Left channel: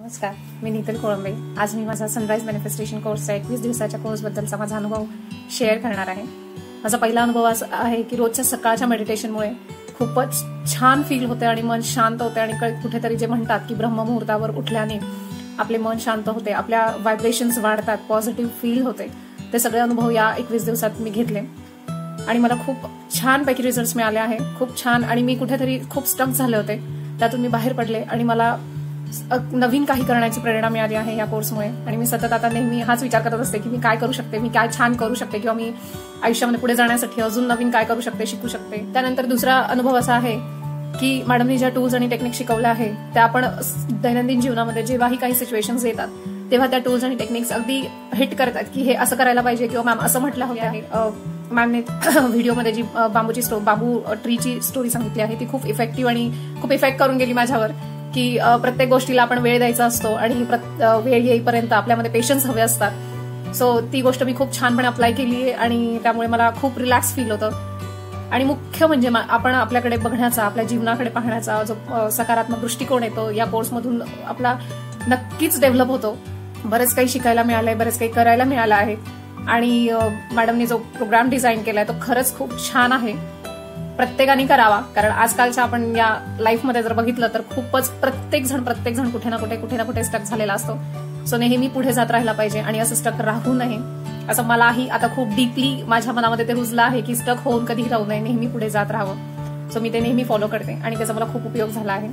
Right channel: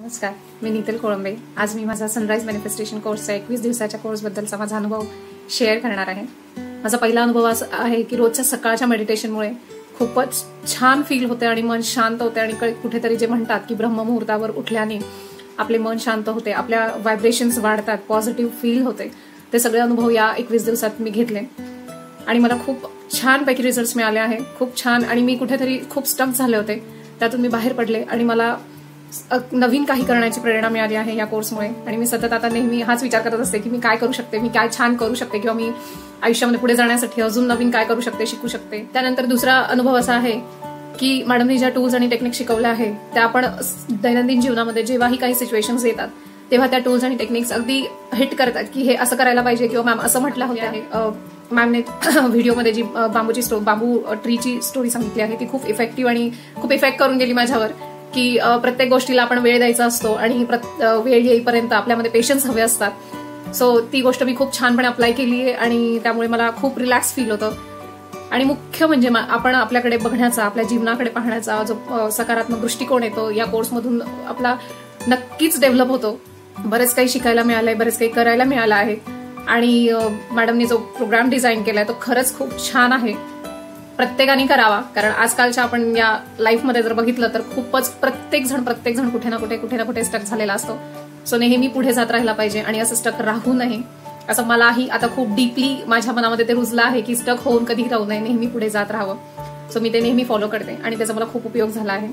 नमस्कार, मी नीतल कोळंबे। आज मी माझा सनराइज मॅनिफेस्टेशन कोर्सचा 21 दिवसाच्या कोर्सबद्दलचा माझा अनुभव शेअर करणार आहे। माझा पहिला अनुभव असा आहे की रोजच्या सकाळच्या मेडिटेशनमुळे खूपच छान फील होते आणि मन शांत होते आणि कुठेतरी जे म्हणतात की ब्रह्ममुहूर्तावर उठल्याने आपले मन शांत होते, आपल्या व्हायब्रेशन्स वाढतात, पॉझिटिव्ह फील होते। ते सगळे अनुभव या 21 दिवसात मी घेतले आणि मला खूप छान पैकी रिझल्ट्स मिळाले आहे। खूप छान। आणि मी कुठेतरी खूप स्टक झाले होते, त्यातून मी बाहेर पडले आणि मला नवीन काही करण्याची प्रेरणा मिळाली आहे या कोर्समुळे। आणि मी सतत आता नेहमी हाच विचार करत असते की मी काय करू शकते, मी काय छान करू शकते, किंवा मी आयुष्यामध्ये पुढे जाण्यासाठी अजून नवीन काय करू शकते, शिकू शकते। त्यानंतर दुसरा अनुभव असा आहे की मॅडमने ज्या टूल्स आणि टेक्निक शिकवल्या आहे त्या आपण दैनंदिन जीवनामध्ये जेव्हाही काही सिच्युएशन्स येतात तेव्हा त्या टूल्स आणि टेक्निक्स अगदी हिट करतात की हे असं करायला पाहिजे, किंवा मॅम असं म्हटलं हवे आहे। मॅमने व्हिडिओमध्ये जी बांबू ट्रीची स्टोरी सांगितली आहे ती खूप इफेक्टिव्ह आणि खूप इफेक्ट करून गेली माझ्यावर, की प्रत्येक गोष्टीला आपण वेळ द्यायचा असतो आणि वेळ येईपर्यंत आपल्यामध्ये पेशन्स हवे असतात। सो ती गोष्ट मी खूप छानपणे अप्लाय केली आहे आणि त्यामुळे मला खूप रिलॅक्स फील होतं। आणि मुख्य म्हणजे आपण आपल्याकडे बघण्याचा, आपल्या जीवनाकडे पाहण्याचा जो सकारात्मक दृष्टिकोन येतो या कोर्समधून आपला नक्कीच डेव्हलप होतो। बरेच काही शिकायला मिळालंय, बरेच काही करायला मिळालं आहे आणि मॅडमनी जो प्रोग्राम डिझाईन केलाय तो खरंच खूप छान आहे। प्रत्येकाने करावा, कारण आजकालच्या आपण या लाईफमध्ये जर बघितलं तर खूपच प्रत्येक जण कुठे ना कुठे स्टक झालेला असतो। सो नेहमी पुढे जात राहायला पाहिजे आणि असं स्टक राहू नये, असं मलाही आता खूप डीपली माझ्या मनामध्ये ते रुजलं आहे की स्टक होऊन कधी राहू नये, नेहमी पुढे जात राहावं। सो मी ते नेहमी फॉलो करते आणि त्याचा मला खूप उपयोग झाला आहे।